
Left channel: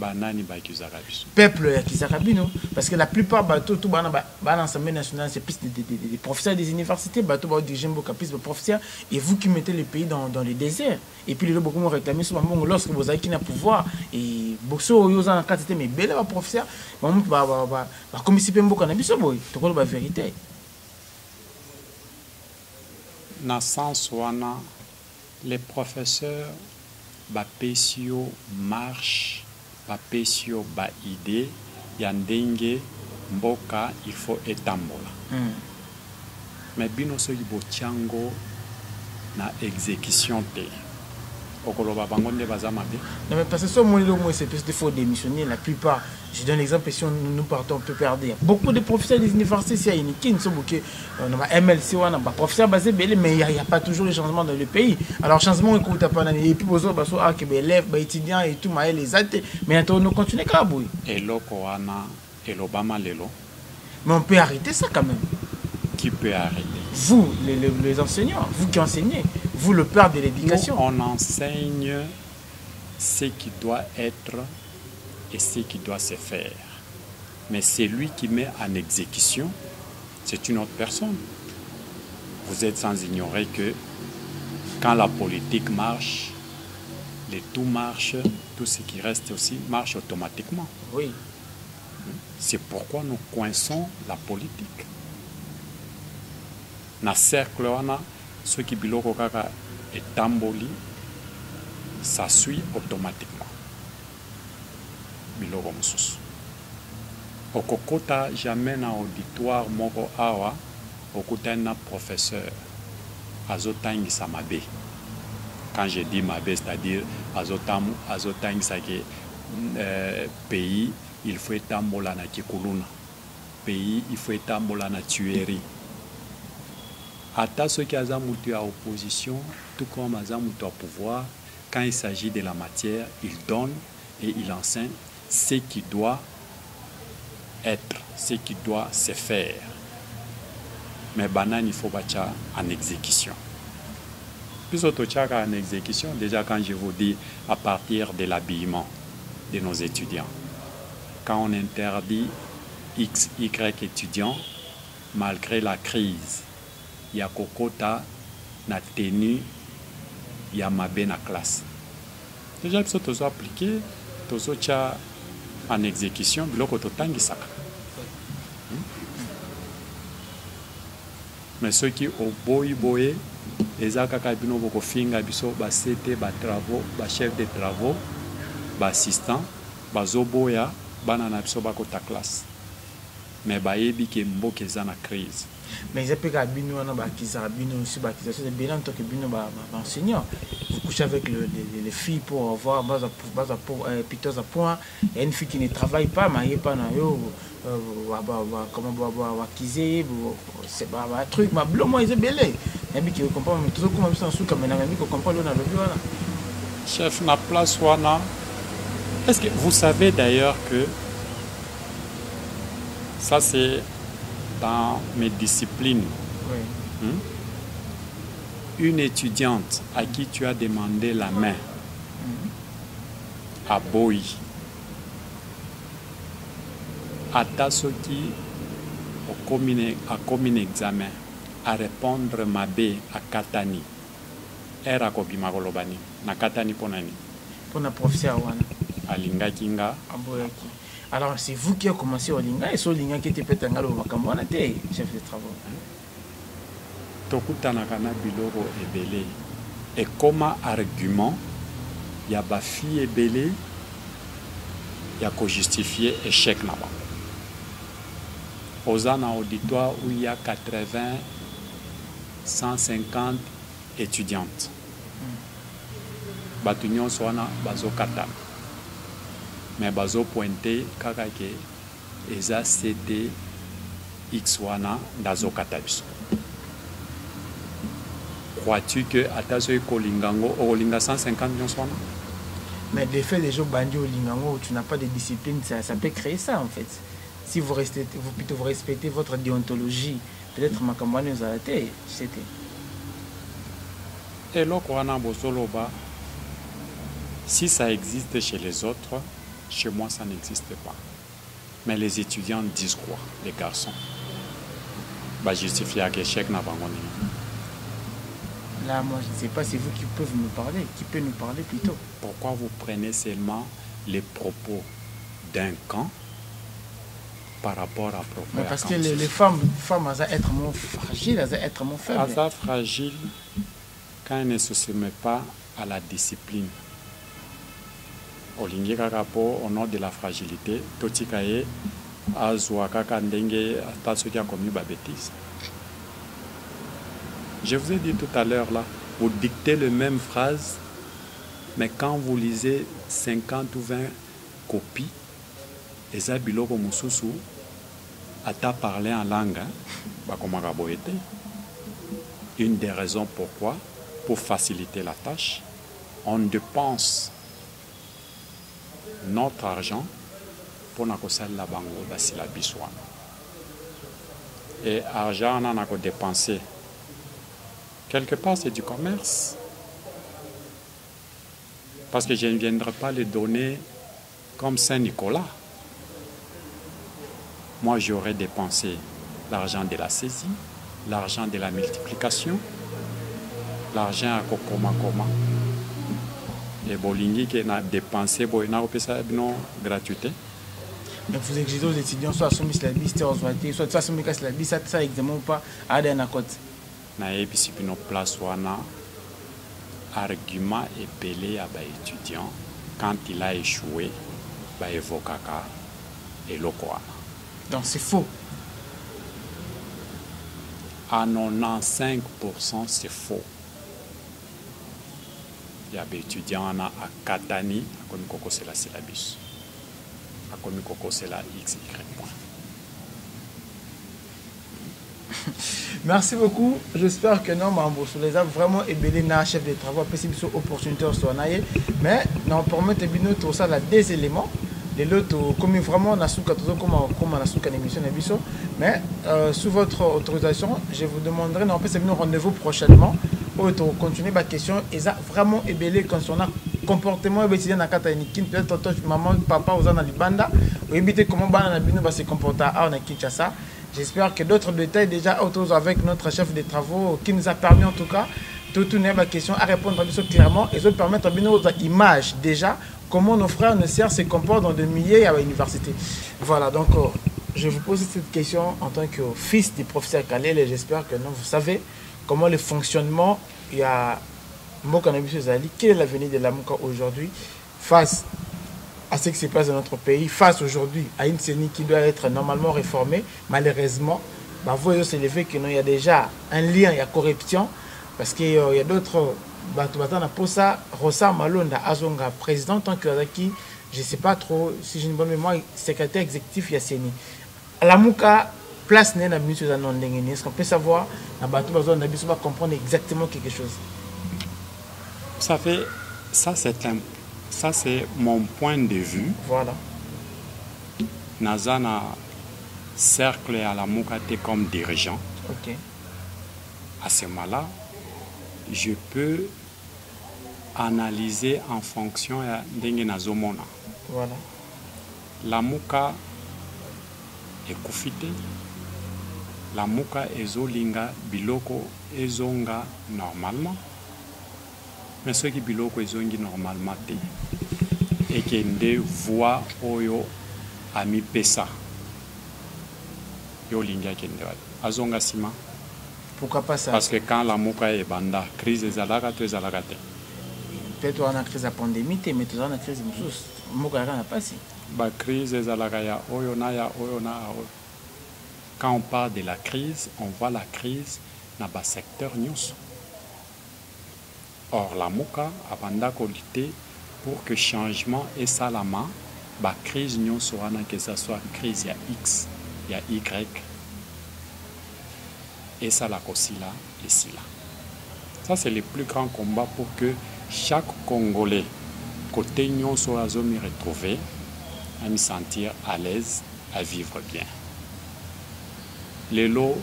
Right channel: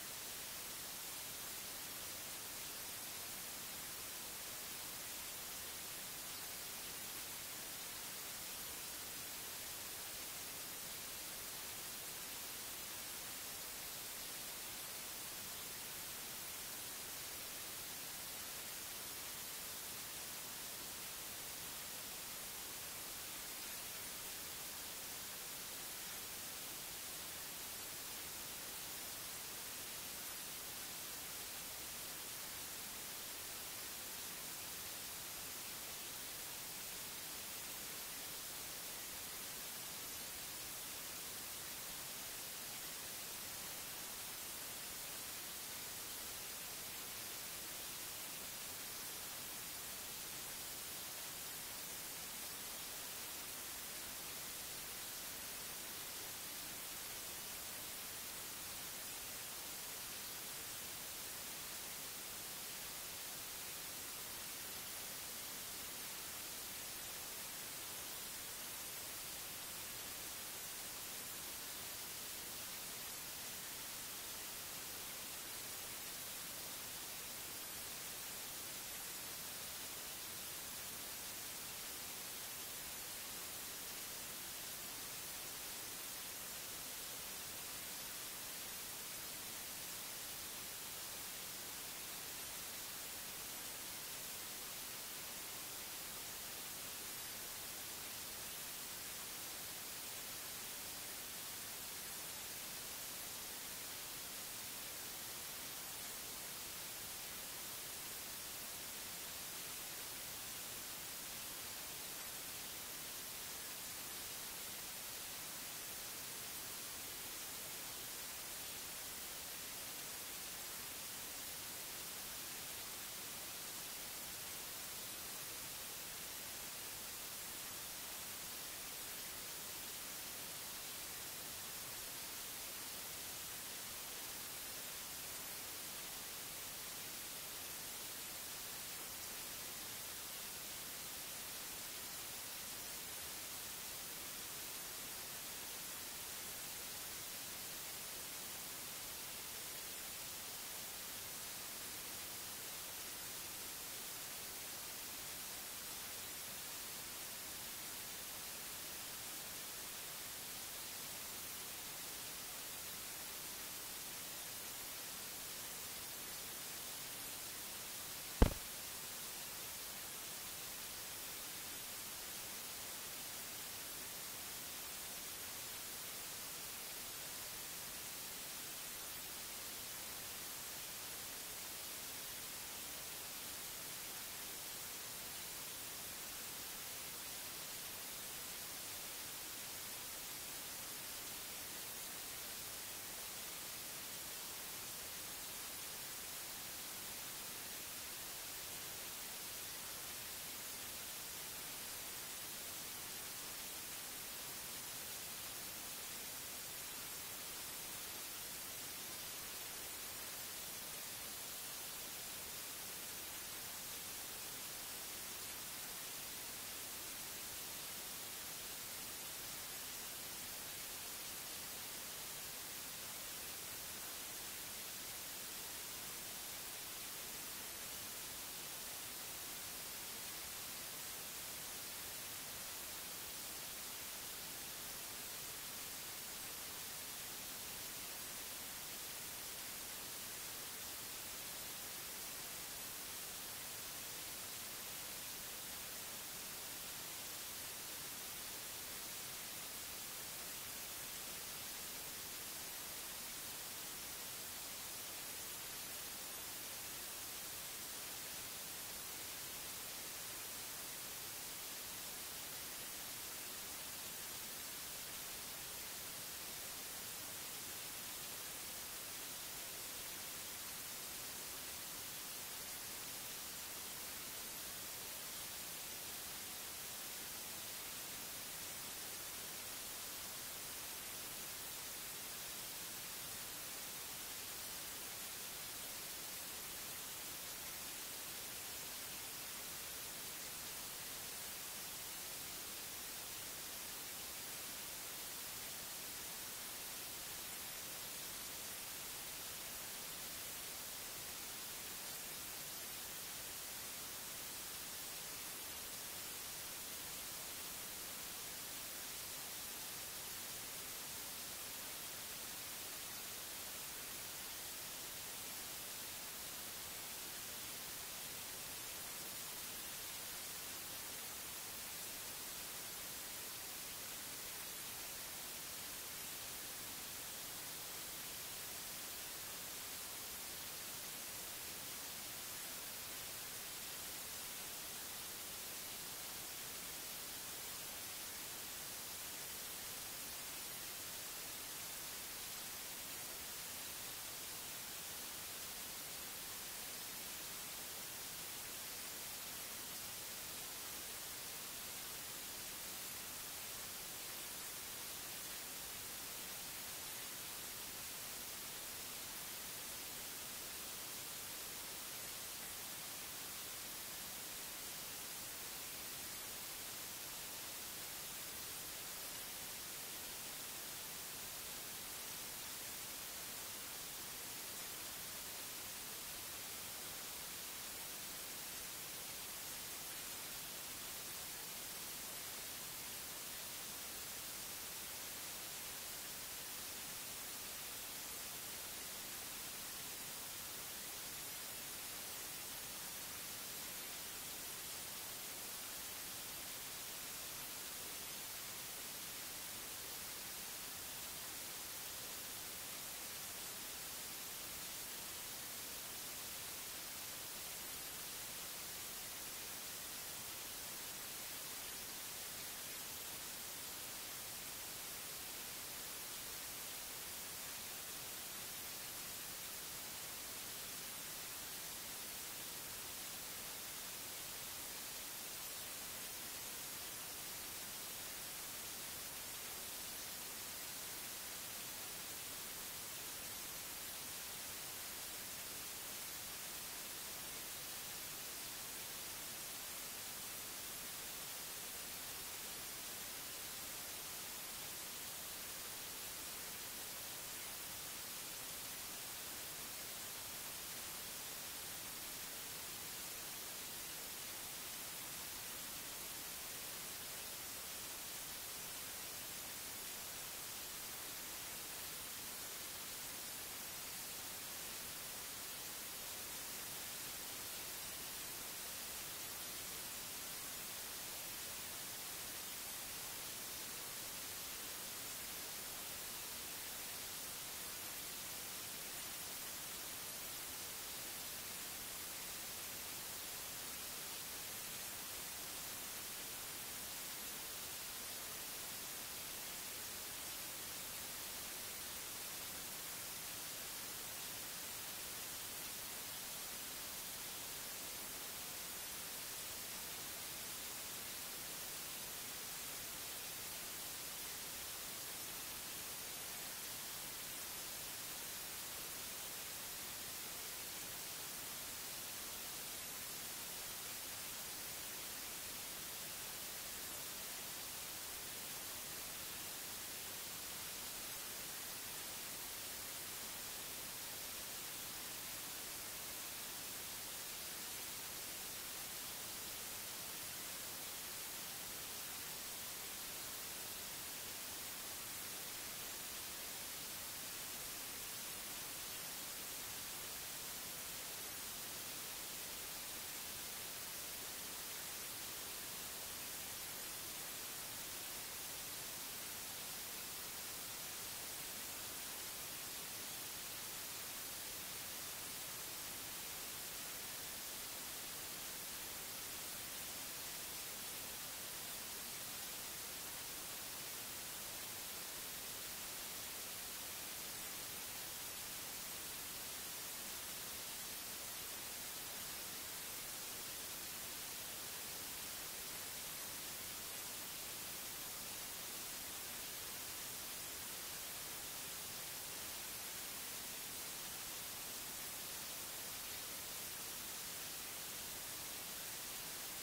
banani bakizaka biso peuple ya Kizakabino parce que la plupart bateau tout bana l'Assemblée nationale c'est plus des professeurs des universités bateau ba diriger beaucoup plus de professeurs et vous qui mettez le pays dans les déserts et puis les gens beaucoup réclamer sur bango lorsque vous avez qui na pouvoir et bosso yo za quatre mais belle ba professeur ba comme si pe mboka na biso boy to ko ba vérité na sens wana les professeurs ba pesio marche ba pesio ba idée ya ndenge mboka il faut etambola mais bino soki bochango na exécution te okoloba bango nde baza mabe non mais parce que ce moment là c'est plus des faut démissionner la plupart je donne l'exemple si nous partons on peut perdre beaucoup de professeurs des universités ici à Inikin sont beaucoup on a MLC on a professeurs basés belé mais il y a pas toujours les changements dans le pays alors changement écoute pas et puis besoin baso ah que élèves étudiants et tout mais les athées mais on continue comme boy et loko wana et l'Obama lelo mais on peut arrêter ça quand même qui peut arrêter vous les enseignants vous qui enseignez vous le père de l'éducation on enseigne ce qui doit être et ce qui doit se faire. Mais c'est lui qui met en exécution, c'est une autre personne. Vous êtes sans ignorer que quand la politique marche, les tout marche, tout ce qui reste aussi marche automatiquement. Oui. C'est pourquoi nous coinçons la politique. Na cercle wana, ceux qui biloko kaka et tamboli, ça suit automatiquement. Biloko mosusu okokota jamais na auditoire moko awa okutani na professeur azotangisa mabe quand je dis mabe c'est-à-dire azotangisa ke pays il faut etambola na kikuluna pays il faut etambola na tuerie ata ceux qui aza mutu à opposition tout comme aza mutu à pouvoir quand il s'agit de la matière il donne et il enseigne ce qui doit être, ce qui doit se faire. Mais banane, il faut battre en exécution. Plus autre en exécution, déjà quand je vous dis à partir de l'habillement de nos étudiants, quand on interdit X, Y étudiants, malgré la crise, il y a kokota, na tenue, il y a mabé na classe. Déjà, il faut appliquer. En exécution, biloko totangisaka. Mais ceux qui au boy ezaka bino boko finga biso ba CT ba travaux, ba chef de travaux, ba assistant, ba zoboya bana na biso ba kota classe. Mais ba yebi ke mboka eza na crise. Mais ils appellent Bino, Bino aussi, c'est bien en tant que Bino, enseignant. Vous couchez avec les filles pour avoir piteux à point. Il y a une fille qui ne travaille pas, mais il n'y a pas comment kiser, c'est un truc, mais blanc, moi, ils sont belés. Il y a qui comprennent, mais toujours comme ça, comme un ami qui comprend le voilà. Chef, na place wana. Est-ce que vous savez d'ailleurs que ça c'est dans mes disciplines, oui. Une étudiante à qui tu as demandé la main à Boy, à Tasoki, au commun examen, à répondre Mabé à Katani, era kobima kolobani, na Katani ponani. Pour la professeur Wana. À Linga Kinga. Alors, c'est vous qui avez commencé au Linga et c'est Linga qui était peut-être un Makambana, chef de travaux. Tokutanaka na biloko ebele. Et comme argument, il y a ba fille ebele, il y a qu'à justifier échec là-bas. Aux ans auditoire où il y a 80, 150 étudiantes. Batunion soana bazo kata. Mais bazo pointé kaka ke eza CD X wana dazo katabiso. Crois-tu que atazo kolingango olinga 150 millions soana? Mais des faits les gens bandits au lingango, tu n'as pas de discipline, ça peut créer ça en fait. Si vous restez, vous respectez votre déontologie, peut-être ma campagne nous a été, c'était. Et là, si ça existe chez les autres, Chez moi, ça n'existe pas. Mais les étudiants disent quoi, les garçons? Bah, justifier à l'échec n'a pas gagné. Là, moi, je ne sais pas, c'est vous qui pouvez nous parler, qui peut nous parler plutôt. Pourquoi vous prenez seulement les propos d'un camp par rapport à propos? Mais parce que les femmes, elles doivent être moins fragiles, elles doivent être moins faibles. Elles sont fragiles quand elles ne se soumettent pas à la discipline. Au nom de la fragilité, Totikaye, Azuaka Ndenge, qui a commis des bêtises. Je vous ai dit tout à l'heure, là, vous dictez les mêmes phrases, mais quand vous lisez 50 ou 20 copies, les abiloko mususu, à ta parler en langue, une des raisons pourquoi, pour faciliter la tâche, on dépense notre argent pour la bango la bisouane. Et argent, on a dépensé. Quelque part, c'est du commerce. Parce que je ne viendrai pas les donner comme Saint-Nicolas. Moi, j'aurais dépensé l'argent de la saisie, l'argent de la multiplication, l'argent à Kokoma. Et Bolingui qui a dépensé pour une gratuité. Donc vous exigez aux étudiants soit à soumis la liste, soit à soumis la liste, ça examen ou pas, à des côté. Na ebisipino place wana argument est belé à étudiant quand il a échoué ba évokaka et lokoana. Donc c'est faux. À 95% c'est faux. Il y a des étudiants à Katani, à Komikoko c'est la syllabus. À Komikoko c'est la XY. Merci beaucoup. J'espère que non, les a vraiment ébélé na chef de travaux, après c'est une opportunité au soigner. Mais non, pour mettre bien tout ça, là, des éléments. Les autres, comme vraiment, on a sous une émission de mais sous votre autorisation, je vous demanderai, non, c'est un rendez-vous prochainement pour continuer ma question. Ils ont vraiment ébélé concernant comportement étudiant dans la peut-être maman, papa, aux en Libanda, ou éviter comment on se comporter en Kinshasa. J'espère que d'autres détails déjà autour avec notre chef de travaux qui nous a permis en tout cas de tourner ma question à répondre clairement et de permettre à nos images déjà comment nos frères et nos sœurs se comportent dans des milliers à l'université. Voilà, donc je vous pose cette question en tant que fils du professeur Kalel et j'espère que non, vous savez comment le fonctionnement, il y a Mokanabiso Zali, quel est l'avenir de la Moka aujourd'hui face à ce qui se passe dans notre pays, face aujourd'hui à une CENI qui doit être normalement réformée, malheureusement, bah, vous voyez s'élever qu'il y a déjà un lien, il y a corruption, parce qu'il y a d'autres, pour ça, Rosa Malonda Azonga, président, tant que qui, je ne sais pas trop, si j'ai une bonne mémoire, secrétaire exécutif, il y a CENI. La Mouka, place n'est pas ministre de la est-ce qu'on peut savoir, on va comprendre exactement quelque chose? Ça fait, ça c'est mon point de vue. Voilà. Nazana cercle à la Moukate comme dirigeant. Ok. À ce moment-là, je peux analyser en fonction de Nazomona. Voilà. La Mouka est koufité. La Mouka est zolinga biloko ezonga normalement. Mais ceux qui biloko ezongi normalement et qui ne voient oyo ami pesa yo linga kende azonga sima. Pourquoi pas ça? Parce que quand la Mouka est banda crise ezalaka to ezalaka te. Peut-être on a crise de pandémie mais tu as une crise de tous Mouka n'a pas si ba crise ezalaka ya oyo na ya oyo na oyo. Quand on parle de la crise, on voit la crise dans le secteur nyonso. Or, la Mouka a banda lutter pour que changement et salama, la crise nyonso que ce soit crise, il y a X, il y a Y, et ça la là, ici là. Ça, c'est le plus grand combat pour que chaque Congolais, côté nyonso à zomi retrouver, à me sentir à l'aise, à vivre bien. Les lots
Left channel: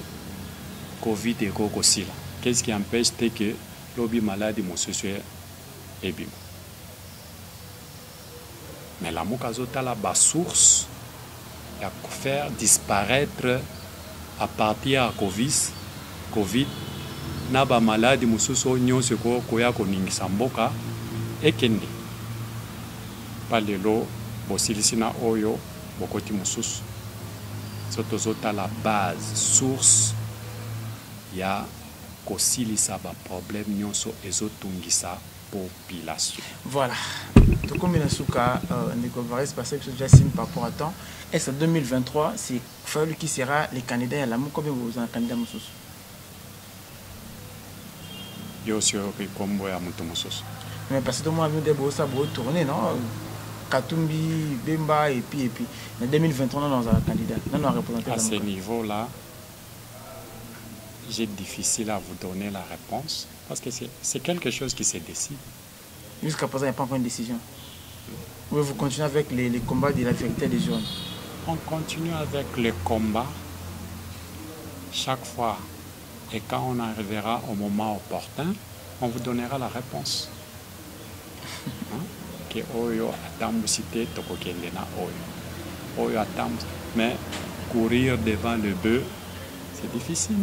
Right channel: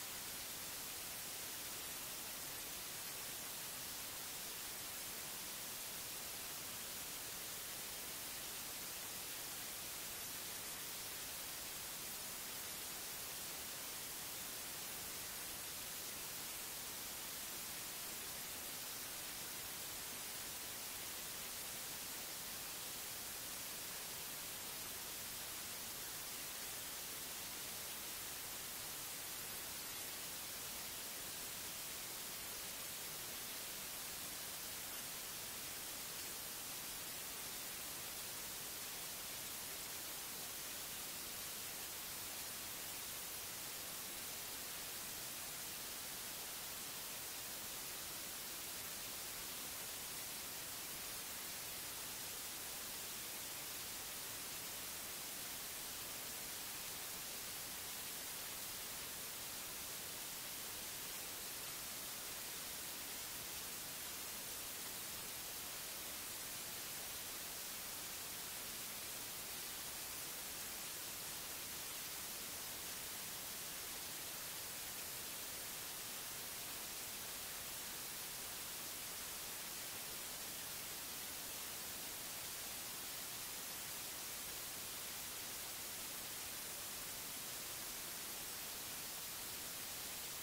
Covid et Kokosila. Qu'est-ce qui empêche que l'obi maladie mon social est bien? Mais la mokazota la bas source ya faire disparaître à partir de Covid na ba maladie mususu nyonso ko koya koningisa mboka ekende palelo bosilisina oyo bokoti mususu sotozota la base source ya kosilisa ba problème nyonso ezotungisa population. Voilà. Donc comme il a souka Ndeko Évariste parce que déjà signe par rapport à temps. Est-ce 2023 c'est Fayulu qui sera les candidats à la mou combien vous en candidat mususu? Yo sur kombo ya mutu mususu. Mais parce que tout le monde a vu des beaux sabots tourner non? Katumbi, Bemba et puis. Mais 2023, on a un candidat. Non, représenté à ce niveau-là, j'ai difficile à vous donner la réponse parce que c'est quelque chose qui se décide. Jusqu'à présent, il n'y a pas encore une décision. Oui, vous continuez avec les combats de la vérité des jeunes. On continue avec les combats chaque fois. Et quand on arrivera au moment opportun, on vous donnera la réponse. Hein? Que oyo atambusite tokokende na oyo atambus mais courir devant le bœuf c'est difficile.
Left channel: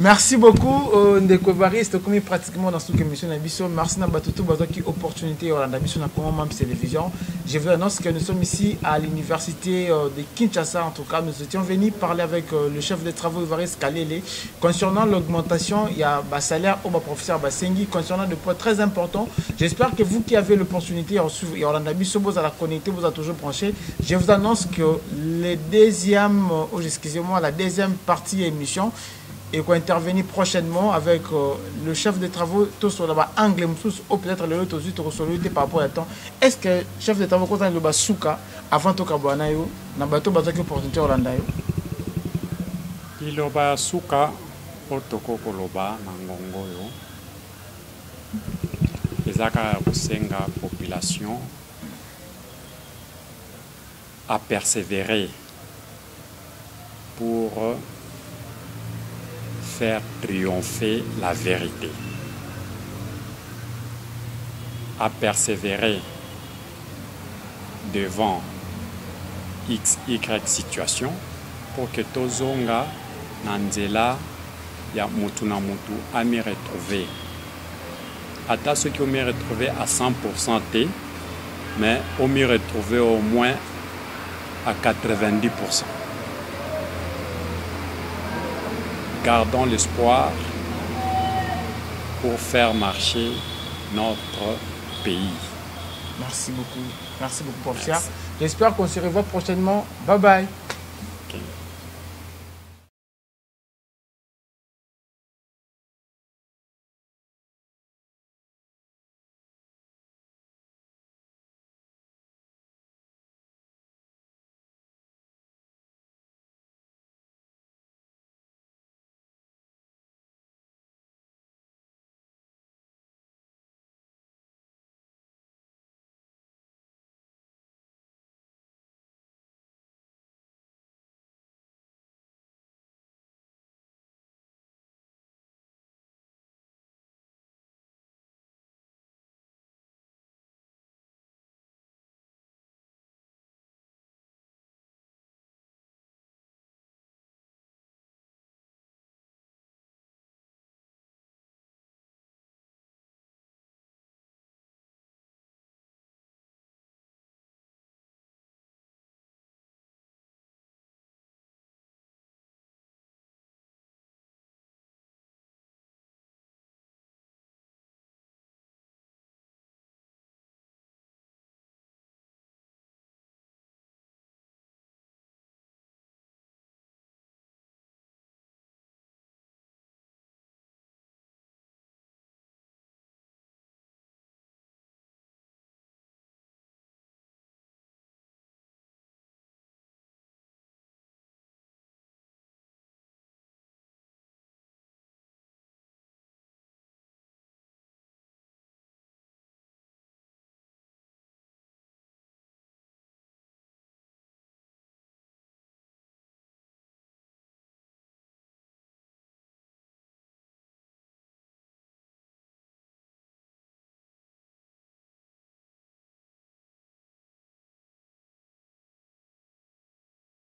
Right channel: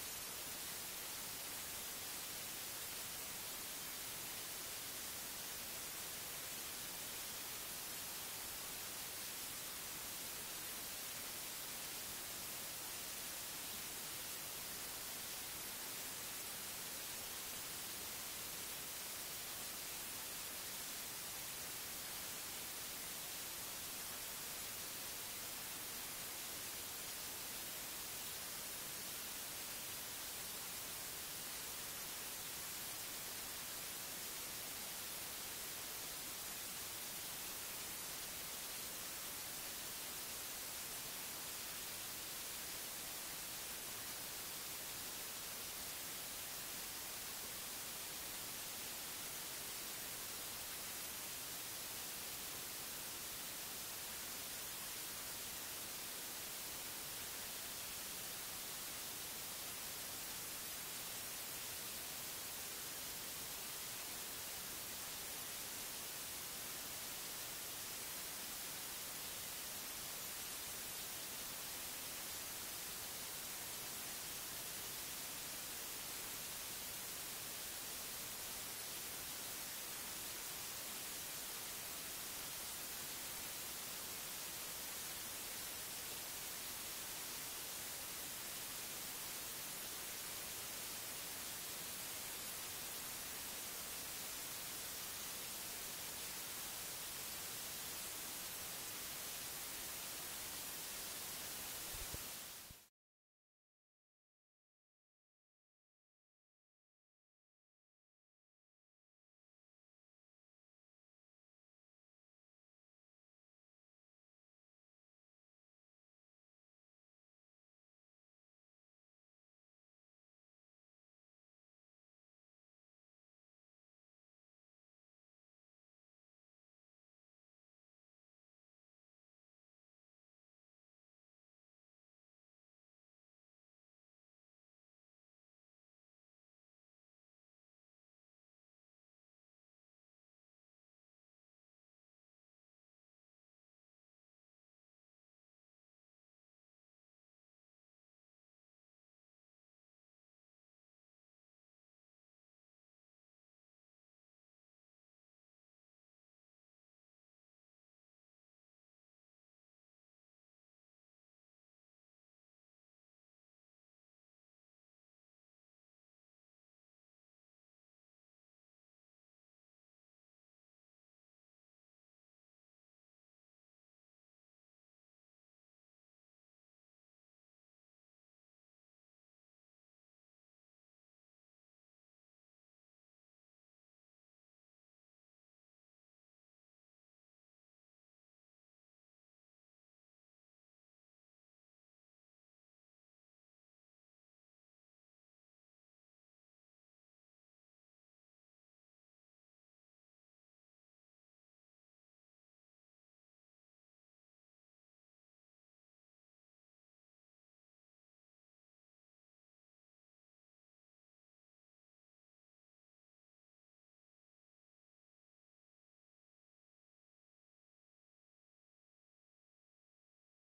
Merci beaucoup Ndeko Évariste comme pratiquement dans cette émission d'Abisso. Merci Nabatutu qui opportunité au Landabisso na comment télévision. Je vous annonce que nous sommes ici à l'université de Kinshasa. En tout cas, nous étions venus parler avec le chef de travaux Évariste Kalele concernant l'augmentation. Il y a un salaire au professeur Basengi concernant des points très importants. J'espère que vous qui avez l'opportunité de suivre Landabisso, vous allez connecter, vous êtes toujours branché. Je vous annonce que la deuxième partie émission et qu'on intervenir prochainement avec le chef de travaux tout sur là-bas anglais ou peut-être le autre aussi par rapport à temps. Est-ce que chef de travaux quand on le souka avant tout kabwana yo na bato bazaki opportunité Holanda yo il oba souka otoko koloba na ngongo yo ezaka kusenga population à persévérer pour faire triompher la vérité, à persévérer devant XY situation pour que tozonga nanzela ya mutu na mutu a me retrouver. Ata ceux qui ont me retrouvé à 100% T, mais ont me retrouvé au moins à 90%. Gardons l'espoir pour faire marcher notre pays. Merci beaucoup. Merci beaucoup, professeur. J'espère qu'on se revoit prochainement. Bye bye.